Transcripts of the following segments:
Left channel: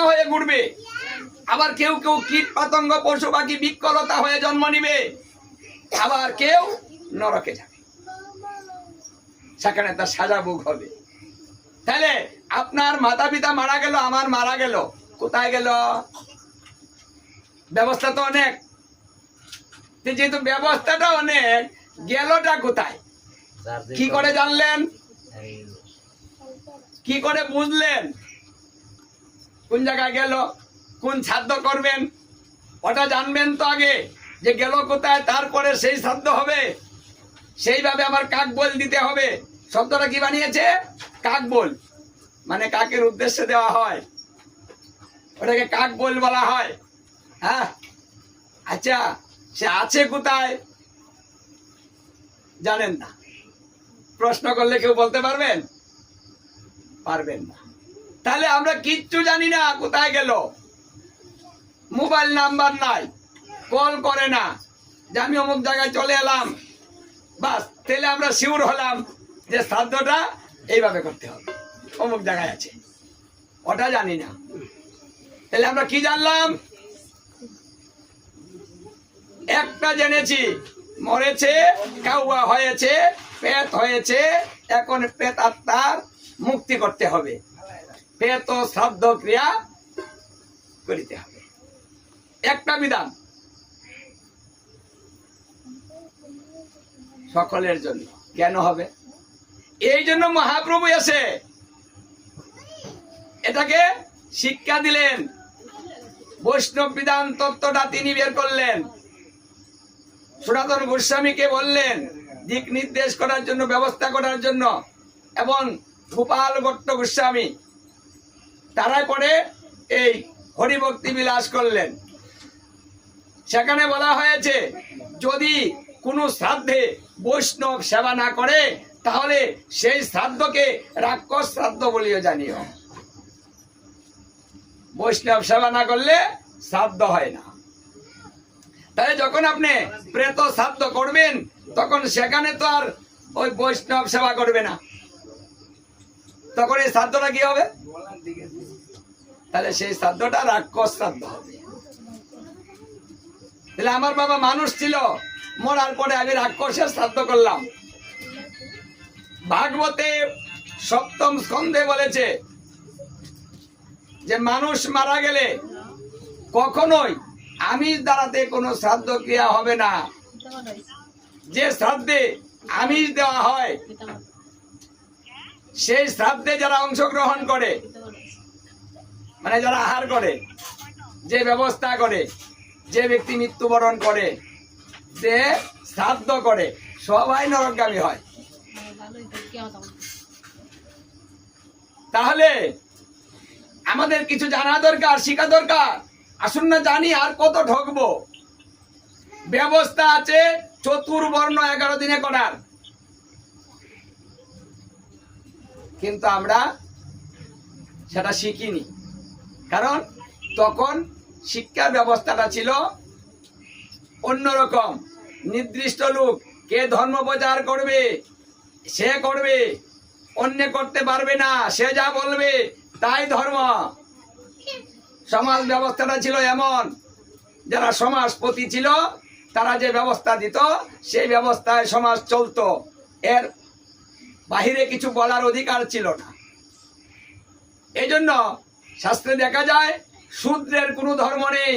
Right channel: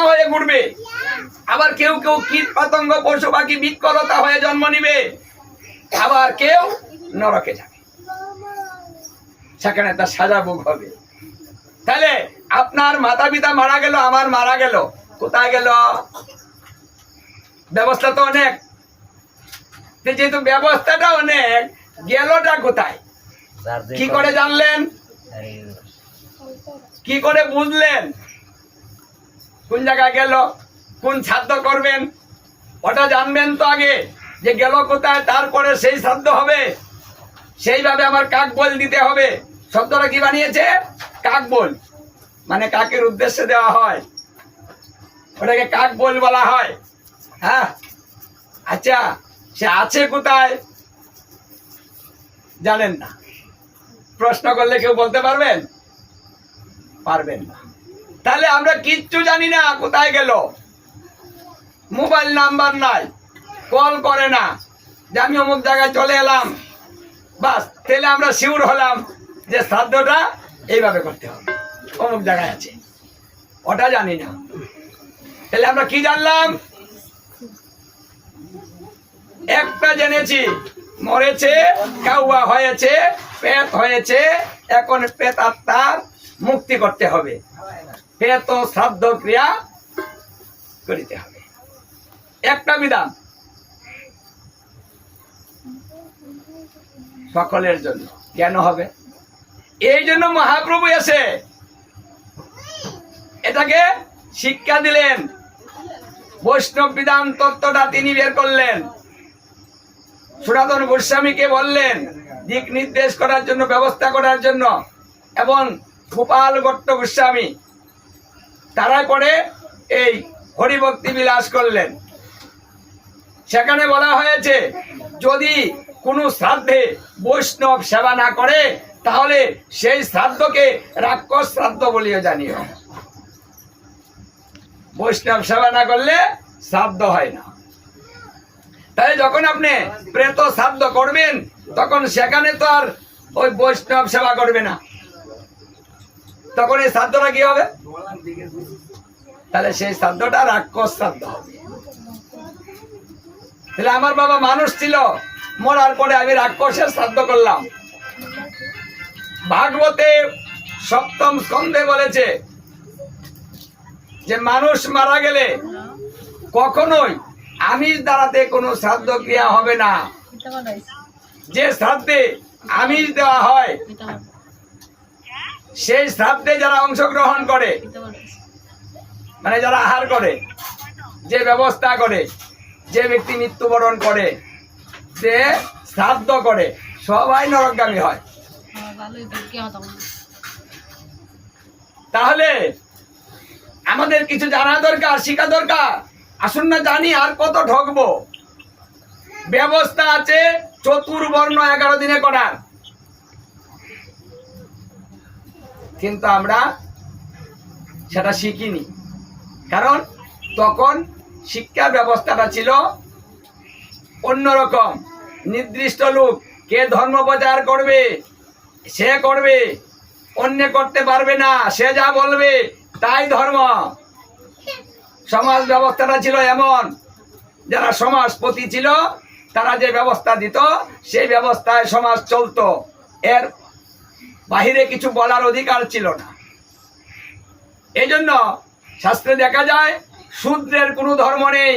আত্মা হয়ে ঘুরবে, আবার কেউ কেউ কীট পতঙ্গ পশু পাখি বৃক্ষলতা হয়ে জন্ম নিবে, আবার কেউ নরকে যাবে, সেখানে তার সাজা ভোগ হবে। তাহলে আপনার মাতা পিতা মারা গেল, আমার মারা গেল, কোথায় গেল? ব্যবস্থা তো অনেক, যেহেতু ব্যবস্থাটা অনেক, গেলটা কোথায়? কি করে জানলেন? কি করে বুঝলেন কোন জায়গায় গেল? কোন শ্রাদ্ধ করবেন ওটা জানবেন তো আগে, যে গেল কোথায়, তারপরে সেই শ্রাদ্ধ হবে। সেইভাবে আমার কাক বল দিতে হবে। শব্দটা কি বানিয়েছে? কাক বল, মানে কাকের উদ্দেশ্যে দেওয়া হয়, ওটাকে কাক বল বলা হয়। হ্যাঁ, আচ্ছা, সে আছে কোথায় জানেন না? প্রশ্ন করলে কেউ বলতে পারবেন? পারবেন না। তাহলে আমরা কিচ্ছু জানি না কোথায় গেল, মোবাইল নাম্বার নাই, কল করে না যে আমি অমুক জায়গায় চলে এলাম, বাস, তাহলে আমরা শিওর হলাম যে শ্রাদ্ধটা এইভাবে করতে হবে, অমুক জায়গায় আছে, ওটা জানি না। তাহলে আমরা কি জানলাম? একটা জেনেছি, মরেছে, কাউয়া হয়েছে, পেট হয়েছে, এখন পেট আত্মার মুক্তি করতে হবে, পেট ও শ্রাদ্ধ ক্রিয়া করিতে হবে, একটা বিধান সকলের জন্য জ্ঞান হবে। এই জন্য মহাপ্রভু এসে এটাকে শিক্ষা দিলেন, বৈষ্ণব বিধান তত্ত্বটা তিনি বের করলেন, সনাতন গোস্বামীকে বললেন দিক নির্দেশ করার জন্য, ব্যবস্থা করার জন্য, এবং গোপাল ভট্ট গোস্বামী তারাই পরে এই হরিভক্তি বিলাস করলেন। সেখানে বলা হয়েছে যদি কোনো শ্রাদ্ধে বৈষ্ণব সেবা না করে তাহলে সেই শ্রাদ্ধকে রাক্ষস শ্রাদ্ধ বলিও জানিও। বৈষ্ণব সেবা না করলে শ্রাদ্ধ হয় না। তাই যখন আপনি প্রেত শ্রাদ্ধ করবেন তখন সেখানে তো আর ওই বৈষ্ণব সেবা করবে না, তখন এই শ্রাদ্ধটা কি হবে? তাহলে সেই শ্রাদ্ধটা রাক্ষস শ্রাদ্ধ হবে। তাহলে আমার বাবা মানুষ ছিল, মরার পরে আমি রাক্ষসের শ্রাদ্ধ করলাম। ভাগবতে সপ্তম স্কন্ধে বলেছে যে মানুষ মারা গেলে কখনোই আমিষ দ্বারাতে কোনো শ্রাদ্ধ ক্রিয়া হবে না। যে শ্রাদ্ধে আমিষ দেওয়া হয় সেই শ্রাদ্ধে যারা অংশগ্রহণ করে, মানে যারা আহার করে, যে ব্যবস্থা করে, যে ব্যক্তি মৃত্যুবরণ করে, যে শ্রাদ্ধ করে, সবাই নরকগামী হয়। তাহলে আমাদের কিছু জানা দরকার, শিখা দরকার। আসুন না জানি, আর কত ঠকবো। ব্যবস্থা আছে চতুর্বর্ণ 11 দিনে করার, কিন্তু আমরা সেটা শিখিনি, কারণ তখন শিক্ষার ব্যবস্থাটা ছিল অন্যরকম। নির্দিষ্ট লোক কে ধর্ম প্রচার করবে সে করবে, অন্য করতে পারবে না, সে যা বলবে তাই ধর্ম। সমাজ ব্যবস্থাটা ছিল এমন, যারা সমাজপতি ছিল তারা যে ব্যবস্থা দিত সেই ব্যবস্থায় সমাজ চলতো, এর বাহিরে কিছু বলার অধিকার ছিল না। এই জন্য শাস্ত্রে দেখা যায় শূদ্রের কোনো ধর্ম নেই,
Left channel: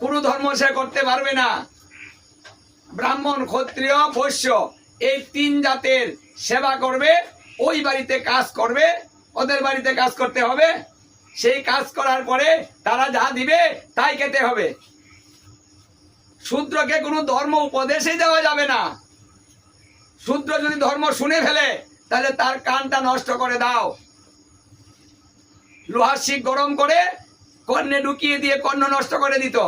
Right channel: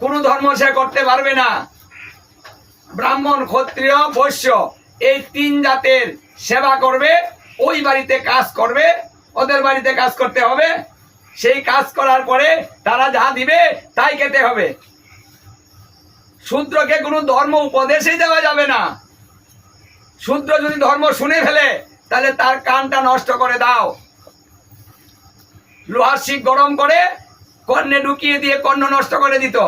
কোনো ধর্ম সে করতে পারবে না। ব্রাহ্মণ, ক্ষত্রিয়, বৈশ্য এই 3 জাতের সেবা করবে, ওই বাড়িতে কাজ করবে, ওদের বাড়িতে কাজ করতে হবে, সেই কাজ করার পরে তারা যা দিবে তাই খেতে হবে। শূদ্রকে কোনো ধর্ম উপদেশই দেওয়া যাবে না। শূদ্র যদি ধর্ম শুনে ফেলে তাহলে তার কানটা নষ্ট করে দাও, লোহার শিক গরম করে কর্ণে ঢুকিয়ে দিয়ে কর্ণ নষ্ট করে দিত,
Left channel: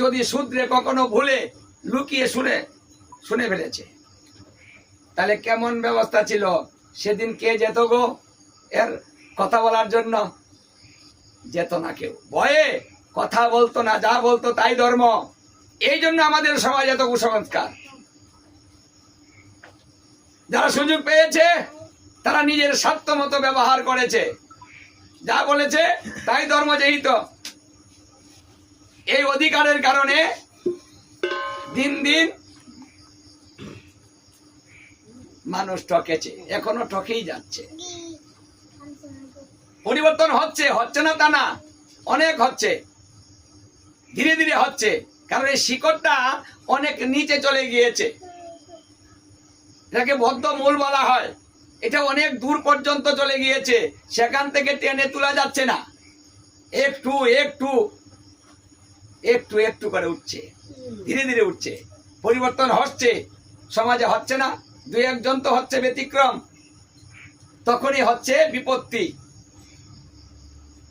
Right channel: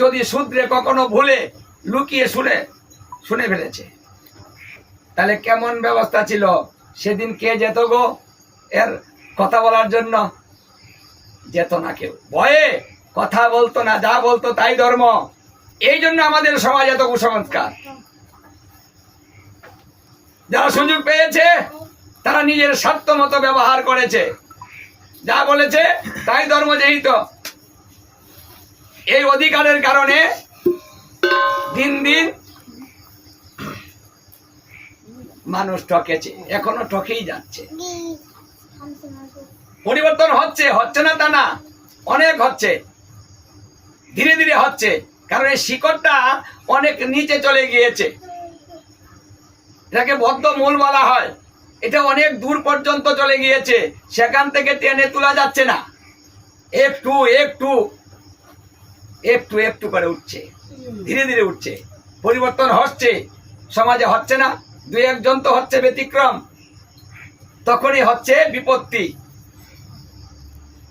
যদি শূদ্রে কখনো ভুলে লুকিয়ে শুনে ফেলেছে। তাহলে কেমন ব্যবস্থা ছিল সেদিন? কে যেত গো এর কথা বলার জন্য? যেত না কেউ, ভয়ে কথা বলতো না, যা বলতো তাই ধর্ম। এই জন্য আমাদের সমাজ এত কুসংস্কার। যারা সুযোগ পেয়েছে তারা নিজের স্বার্থ মতো ব্যবহার করেছে, যা বলেছে তাই ধর্ম, যেহেতু এই অধিকারের কারণে দিন দিন মানুষ ঠকেছে, এখনো ঠকেই যাচ্ছে। পরিবর্তন হচ্ছে, হচ্ছে না তা না, অনেক হচ্ছে, ধীরে ধীরে হচ্ছে, কারণ এই শিকড়টা অনেক নিচে চলে গিয়েছে। এটাকে বদ্ধ মূল বলা হয়। এটা অনেক দূর পর্যন্ত চলে গিয়েছে, সেখান থেকে টেনে তোলা যাচ্ছে না। একটু একটু একটু একটু করে উঠছে, ধীরে ধীরে উঠছে, পরিবর্তন হচ্ছে। সমাজে হচ্ছে না, দুই একজন তো হচ্ছে ব্যতিক্রম, তখনই হচ্ছে বিপত্তি।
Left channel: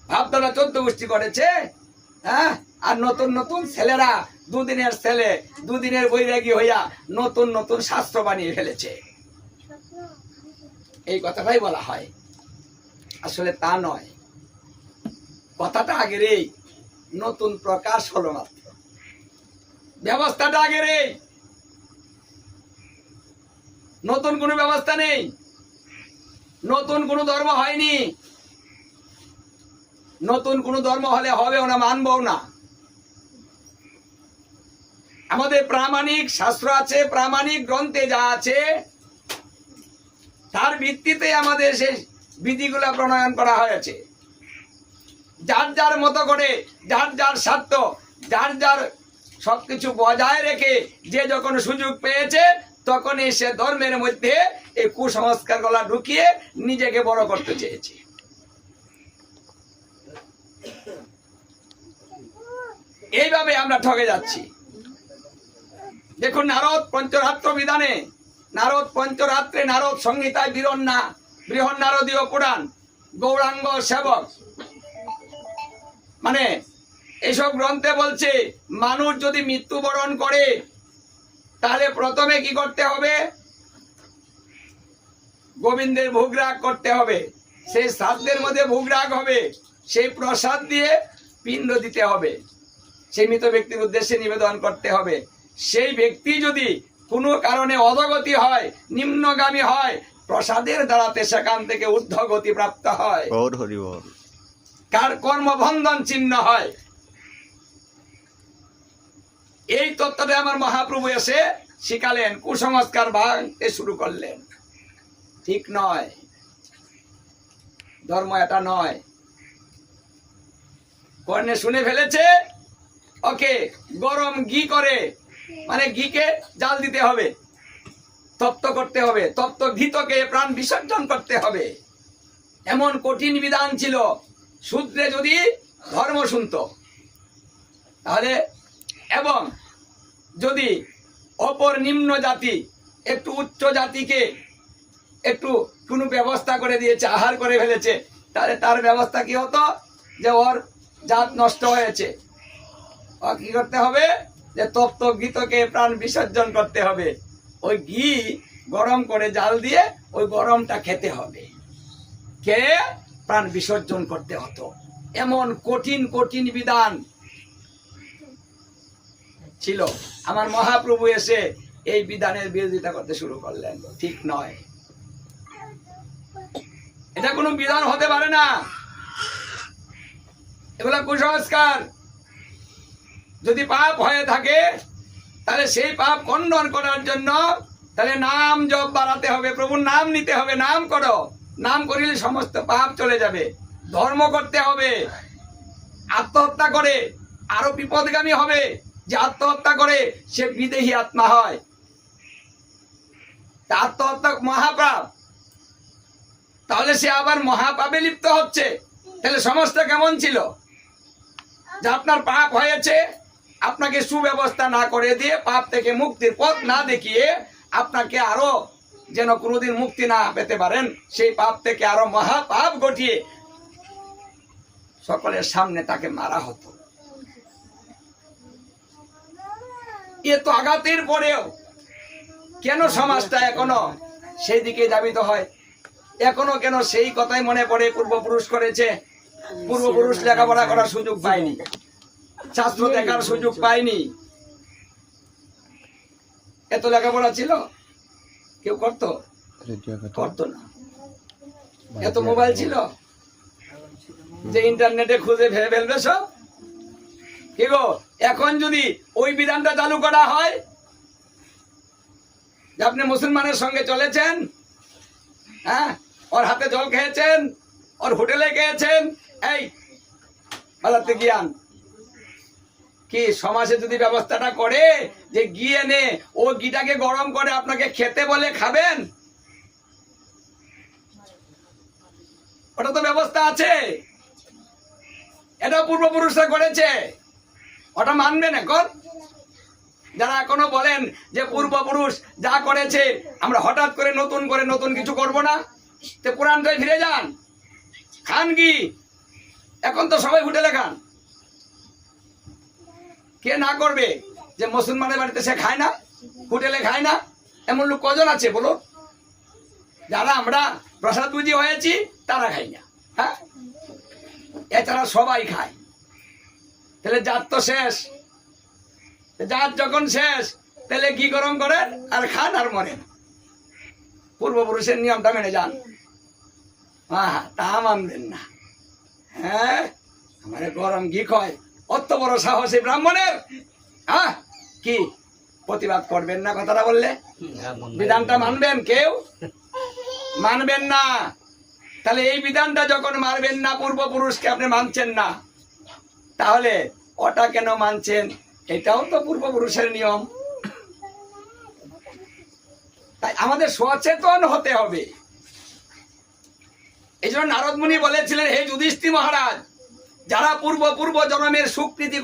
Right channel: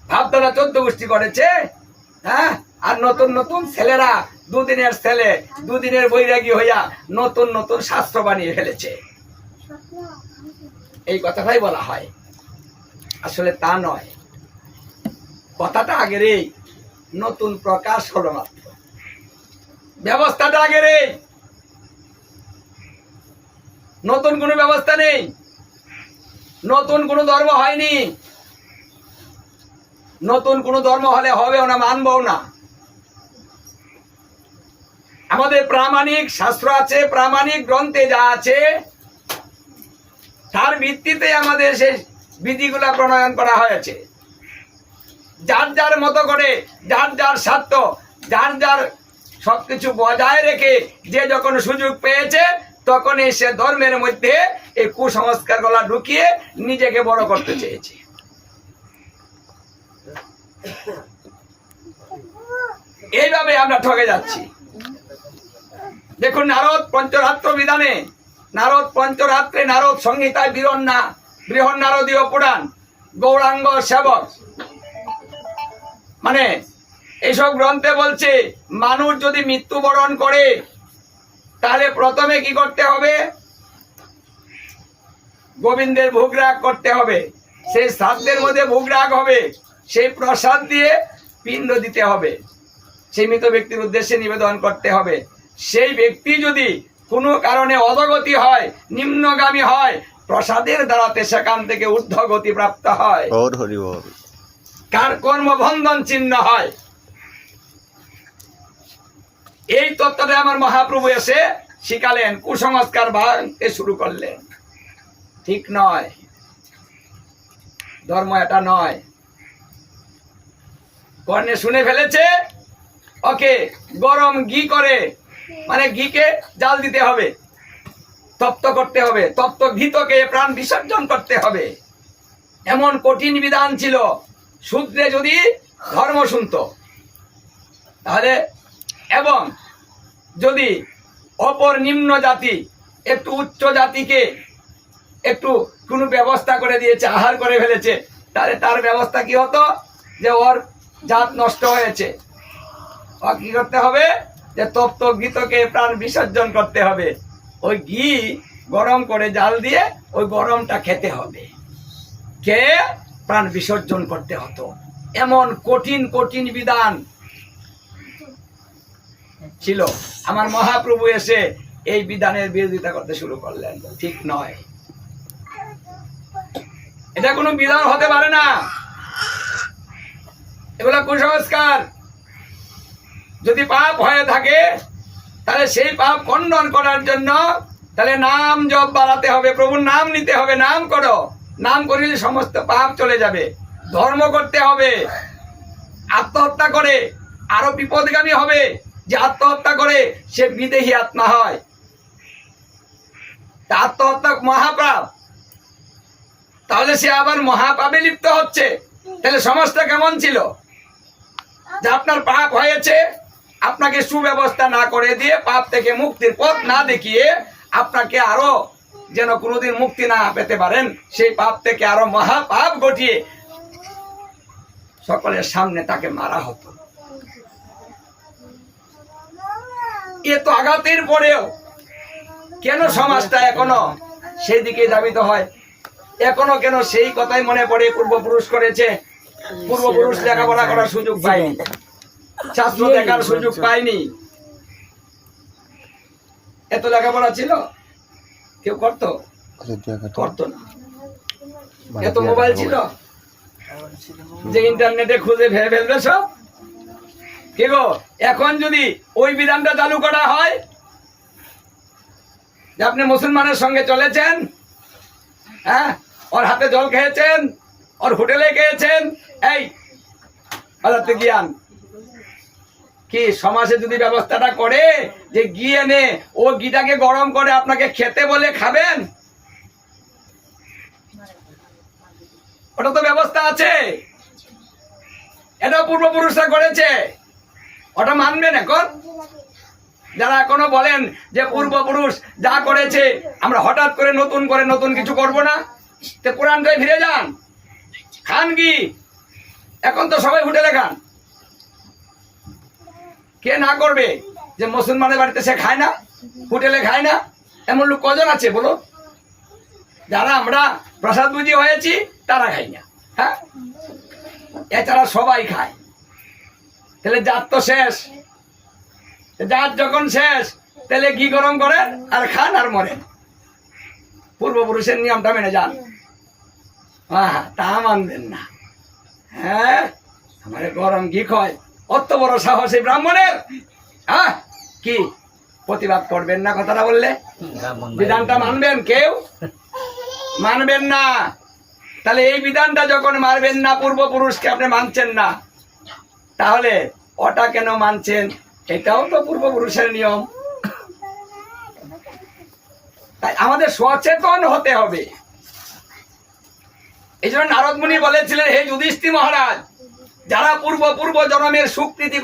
ভাবধারা 14 গোষ্ঠী করেছে, হ্যাঁ, আর নতুন নতুন ছেলেরা, দুদিনের ছেলে, দুদিনের বৈরাগী হইয়া নতুন নতুন শাস্ত্র বানিয়ে ফেলেছে। এই কথাটাই বলা হয়, আসলে তা নয়। কথাটা আগের, এই নতুন প্রকাশ হলো মাত্র, ব্যবস্থাটা আগের, এই নতুন কোনো ব্যবস্থা নেই, নতুন কোনো ধর্ম হয়নি। নতুন কোনো ধর্ম হলে হবেও না, মানবও না। আমাদের প্রামাণিক শাস্ত্র আছে, প্রামাণিক গ্রন্থে যা আছে তার ভিত্তিতে আমাদের সেই বিধিগুলা প্রণয়ন করা হয়েছে। যার যার মতো করে, যার যার স্বার্থ, যার যার সবকিছু বজায় রেখে যে যখন সুযোগ পেয়েছে তখনই সে ধর্মের মধ্যে এই কুসংস্কার গুলা ঢুকিয়ে নিজেকে বড় করতে চেয়েছে। এইভাবে আমরা ঠকে যাচ্ছি। দেখুন, নারদ পঞ্চরাত্র বিধানে, নারদ পঞ্চরাত্রে, নারদ সংহিতায়, বৃহৎ নারদীয় পুরাণ, গৌরাঙ্গ সেবক, মানে এইসব গ্রন্থে বলছে মানুষ যদি মৃত্যুবরণ করে তাহলে প্রথমে কি করতে হবে? গোবিন্দের ভোগরাগ করতে হবে, সেই শ্রাদ্ধের মধ্যে ভোগরাগ হবে, সেই প্রসাদ দিয়ে পিণ্ড দিতে হবে, সেই মৃত ব্যক্তির উদ্দেশ্যে নিবেদন করতে হবে। সেই ব্যক্তি যদি কোনো কারণে অধগতি হয়, নিম্নগামী হয়, প্রসাদের দ্বারাতে সেখান থেকে ঊর্ধ্বগতি প্রাপ্ত হয়, কার কর্মবন্ধন চিহ্ন হয়। এই তত্ত্বটা আমার মহাপ্রভু এসে শিখালেন, কুসংস্কার ভাঙতে শুরু করলেন। ঠিক নয়, ধর্ম এটা নয়। কর্ণে শুনে ফেলেছে, ওকে গরম ঘি করে, মানে ঘিকে জাল দিতে হবে, তপ্ত করতে হবে, তপ্ত ঘিতকে প্রাণ বিসর্জন করতে হবে। এমন কঠিন বিধান ছিল। শূদ্রে যদি ধর্ম শুনত তাহলে, এবং যদি অপর নিম্ন জাতি একটু উচ্চ জাতিকে একটু কোনো ব্যবস্থা করে দিয়েছে, আহার করে ফেলেছে, তাহলে তার ব্যবস্থা কি হতো? যে ওর জাত নষ্ট হয়েছে, আর কি করতে হবে? যে তপ্ত ঘিতকে প্রাণ বিসর্জন করতে হবে। ওই ঘি গরম করে জাল দিয়ে ওই গরমটা খেতে হবে, খেয়ে প্রাণ বিসর্জন করতে হতো। এমন কঠিন কঠিন বিধান ছিল। আমার মহাপ্রভু এসে এই বিধানের বিরোধিতা করতে শুরু করলেন। ঠিক নয়, এটা কোনো বিধান হতে পারে না, এগুলো কুসংস্কার। যদি পাপ হয়ে থাকে তাহলে সেই পাপ খণ্ডন করার জন্য তাহলে নাম জপ বাড়াতে হবে, প্রভুর নাম নিতে হবে। নাম করো, নাম করিলে সমস্ত পাপ চলে যাবে। ধর্ম করতে হবে। আত্মহত্যা করে আরো বিপদগামী হবে। যে আত্মহত্যা করে সে বিদেহী আত্মা হয়, আত্মহত্যা মহাপাপ। তাহলে সে আবার মহাপাপে লিপ্ত হচ্ছে। তাহলে সমাজটা কেমন ছিল? যে আপনার পাপ হয়েছে, আপনাকে সুব্যবস্থা না করে দিয়ে, পাপ থেকে মুক্তির পথ না দেখিয়ে, আপনাকে আরো যেন কোনোদিন মুক্তি না পেতে পারেন, সেই পাপ থেকে আরো মহাপাপ ঘটিয়ে সকলের সামনে তাকে মারা হতো। এ তো আঘাতের পরেও কেন সমাজটা এখনো সেই দিকে ধাবিত হয়? এখনো কেন সেই কথাই মনে পড়ে পূর্বপুরুষ করেছে? পূর্বপুরুষ লেখাপড়া করার সুযোগ পায়নি, শাস্ত্র দেখার সুযোগ পায়নি। এত লেখাপড়া ছিল, কেউ করতো? করতো না। এত মোবাইল ছিল, যে ইন্টারনেটে খুঁজে ভেবে ফেলবে সব। কি গো, এখন যদি ওই বিধানটা চালু করা হয় যে আপনি মুসলমানের সঙ্গে চলেছেন, হ্যাঁ, ওর হাতে জল খেয়েছেন, ওর হোটেলে খেয়েছেন, এই হাজারতে জ্ঞান কি সমাজে যদি ব্যবস্থাটা করে যে ঘি এনে ও ঘিটাকে গরম করে আপনাকে খেতে বলে খাবেন, ওটা তো ব্যবস্থা আছে, এটাও পূর্বপুরুষরা করেছে, ওটা মানবেন এখন? যারা এখনো বলেন যে পূর্বপুরুষ যা করেছে আমরা হঠাৎ করে নতুন কিছু করব না, তে পুরাণটায় ফিরে যান, খান কি? এখন তো সবাই হোটেলে খান। কে না করবে? যে মুসলমানের বাড়িতে সে খায় না, হোটেলে খায় না, এমন লোক কজন আছে বলো? যারা আমরা প্রসাদ বুঝি হয়েছি তারা খাই না, হ্যাঁ, এছাড়া সবাই খায়। তাহলে জাত তো শেষ, জাত যখন শেষ তাহলে ঘি গরম করেন আর খান আর মরেন। পূর্বপুরুষের নিয়মটা মেনে যান। হ্যাঁ, তা মানবেন না। হ্যাঁ, আমার গরম ঘি খায়, অত বড় সাহসী ব্রাহ্মণের। হ্যাঁ, কি প্রতিবাদ করবেন না? কথাটা বললে বিধানটা মানবেন? কেউ মানবেন না। তাহলে এই বিধানটা যখন মানবেন না, পূর্বপুরুষকে আপনি মানছেন না, তাহলে ওটা কেন মানছেন? এটাও তো পূর্বপুরুষের নিয়ম। তাই আমাদের সচেতন হতে হবে। এই জন্য নারদ মুনি বলেছিলেন, হে যুধিষ্ঠির মহারাজ, যারা পূর্ব জন্মের সুকৃতি